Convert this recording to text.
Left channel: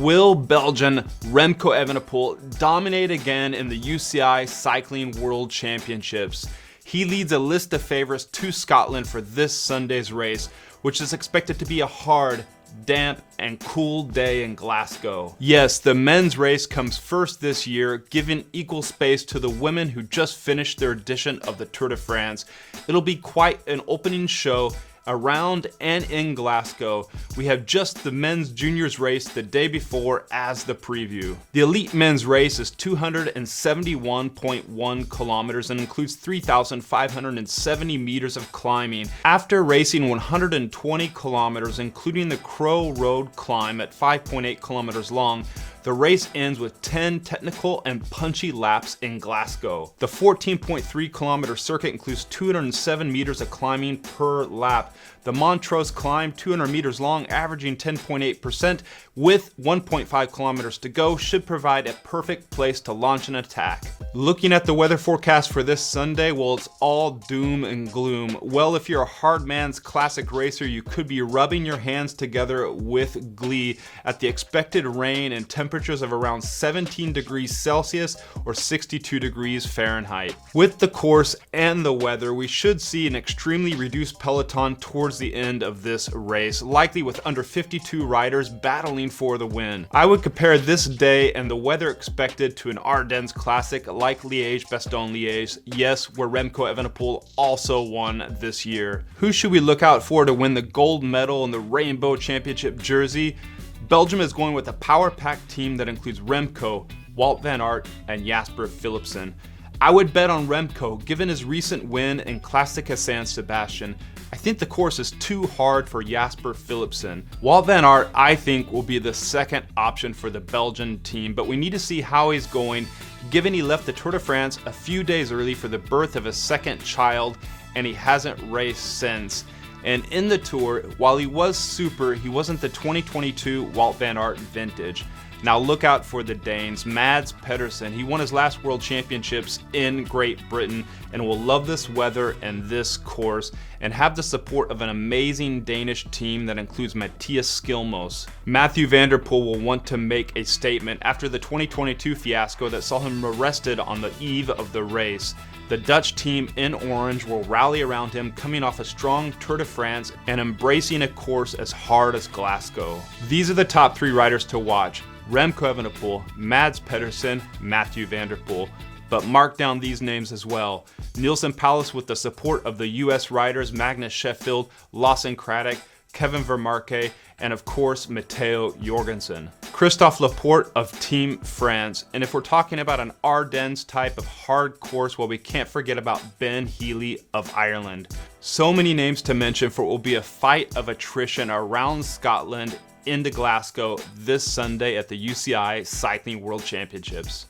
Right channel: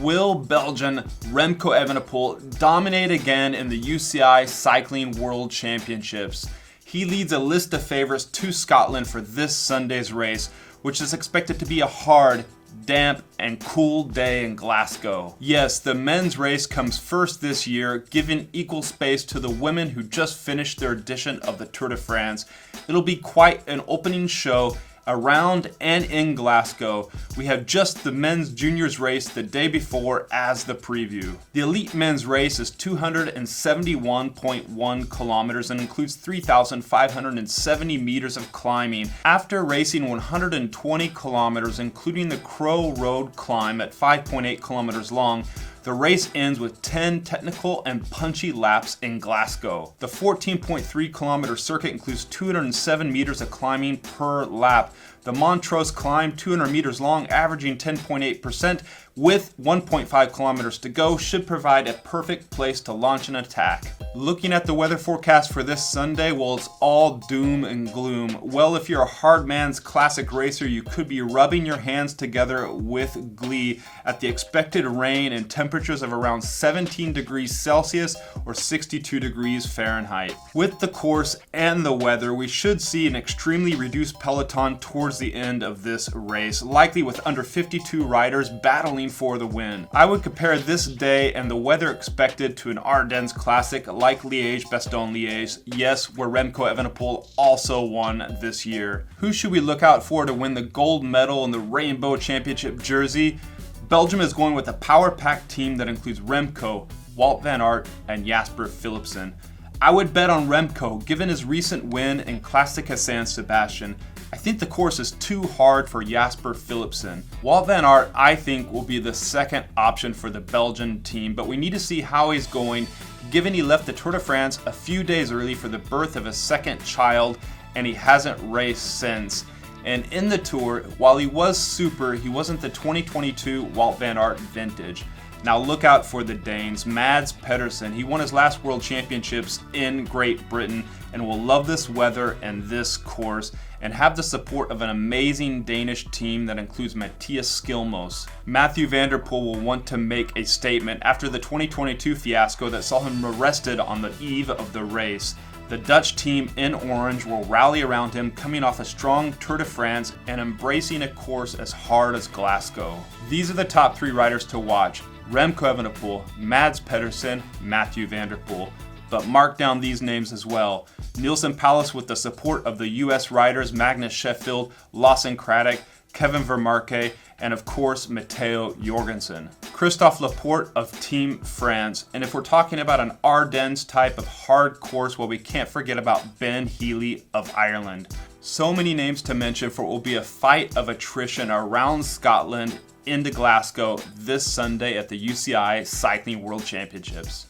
Will Belgian Remco Evenepoel dominate again in the UCI Cycling World Championships? He leads a list of favorites to Scotland for this Sunday's race, which is expected to be a hard, damp, and cool day in Glasgow. Yes, the men's race comes first this year, giving equal space to the women who just finished their edition of the Tour de France. It'll be quite an opening show around and in Glasgow. We have just the men's juniors race the day before as the preview. The elite men's race is 271.1 kilometers and includes 3,570 meters of climbing. After racing 120 kilometers, including the Crow Road climb at 5.8 kilometers long, the race ends with 10 technical and punchy laps in Glasgow. The 14.3 kilometer circuit includes 207 meters of climbing per lap. The Montrose climb, 200 meters long, averaging 10.8%, with 1.5 kilometers to go, should provide a perfect place to launch an attack. Looking at the weather forecast for this Sunday, well, it's all doom and gloom. Well, if you're a hard man's classic racer, you could be rubbing your hands together with glee at the expected rain and temperatures of around 17 degrees Celsius or 62 degrees Fahrenheit. With the course and the weather, we should see an extremely reduced peloton towards the end of this race, likely with under 52 riders battling for the win. I would compare this day and the weather expected to an Ardennes Classic like Liège-Bastogne-Liège, yes, where Remco Evenepoel also won this year. Who should we look out for to win the gold medal in the Rainbow Championship jersey? Belgium is going with a power-packed team that includes Remco, Wout van Aert, and Jasper Philipsen. I would bet on Remco, given his recent win in Classica San Sebastian. I think the course is too hard for Jasper Philipsen. Wout van Aert, I think, will be the second option for the Belgian team, but we need to see how he's going, given he left the Tour de France a few days early for the birth of his second child, and he hasn't raced since. And in the Tour, while he was super, he wasn't the 2022 Wout van Aert vintage. Now look out for the Danes. Mads Pedersen, he won his last World Championships in Great Britain and will love this weather and this course and have the support of an amazing Danish team that includes Matthias Skilmos. Mathieu van der Poel will want to make a statement after the 2022 fiasco that saw him arrested on the eve of the race. The Dutch team in orange will rally around him, coming off a strong Tour de France and embracing a course as hard as Glasgow. These are the top three riders to watch: Remco Evenepoel, Mads Pedersen, Mathieu van der Poel. But mark down these names as well: Nielsen Palace with the support of the US riders Magnus Sheffield, Lawson Craddock, Kevin Vermarke, and of course Matteo Jorgensen. Christophe Laporte of Team France. And if we're talking about an Ardennes type of hard course, well, we can't forget about Ben Healy of Ireland. So many names to mention for what will be a fight of attrition around Scotland into Glasgow this Sunday at the UCI Cycling World Championships.